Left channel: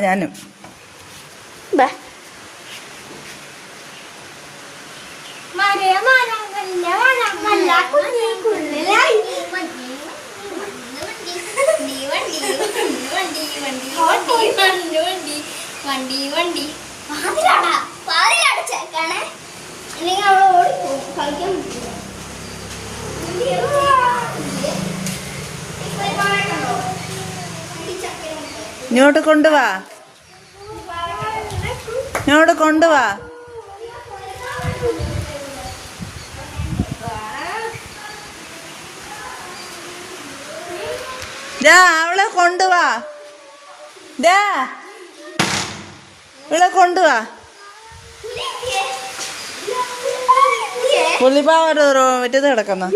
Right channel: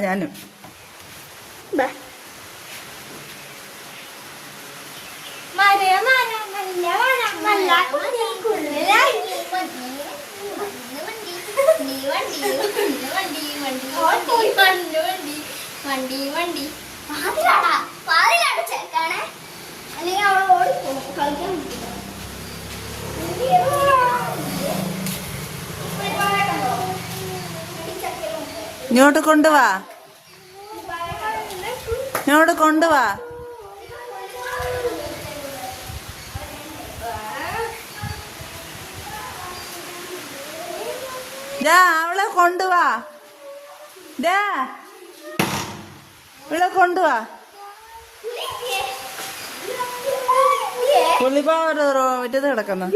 ഞാനും വണ്ടി വണ്ടി പാതിലാണ് ചേക്കാണേ അല്ലെങ്കിൽ അവളെ ഓടിപ്പോകും കളിക്കാൻ ഇങ്ങോട്ട് കൊണ്ടുവാ ഇങ്ങോട്ട് കൊണ്ടുവാ അവളെ കൊണ്ടുവാ ഇവിടെ കൊണ്ടുവാ പുള്ളിപ്പാവ മറ്റേത് കിടക്കുന്ന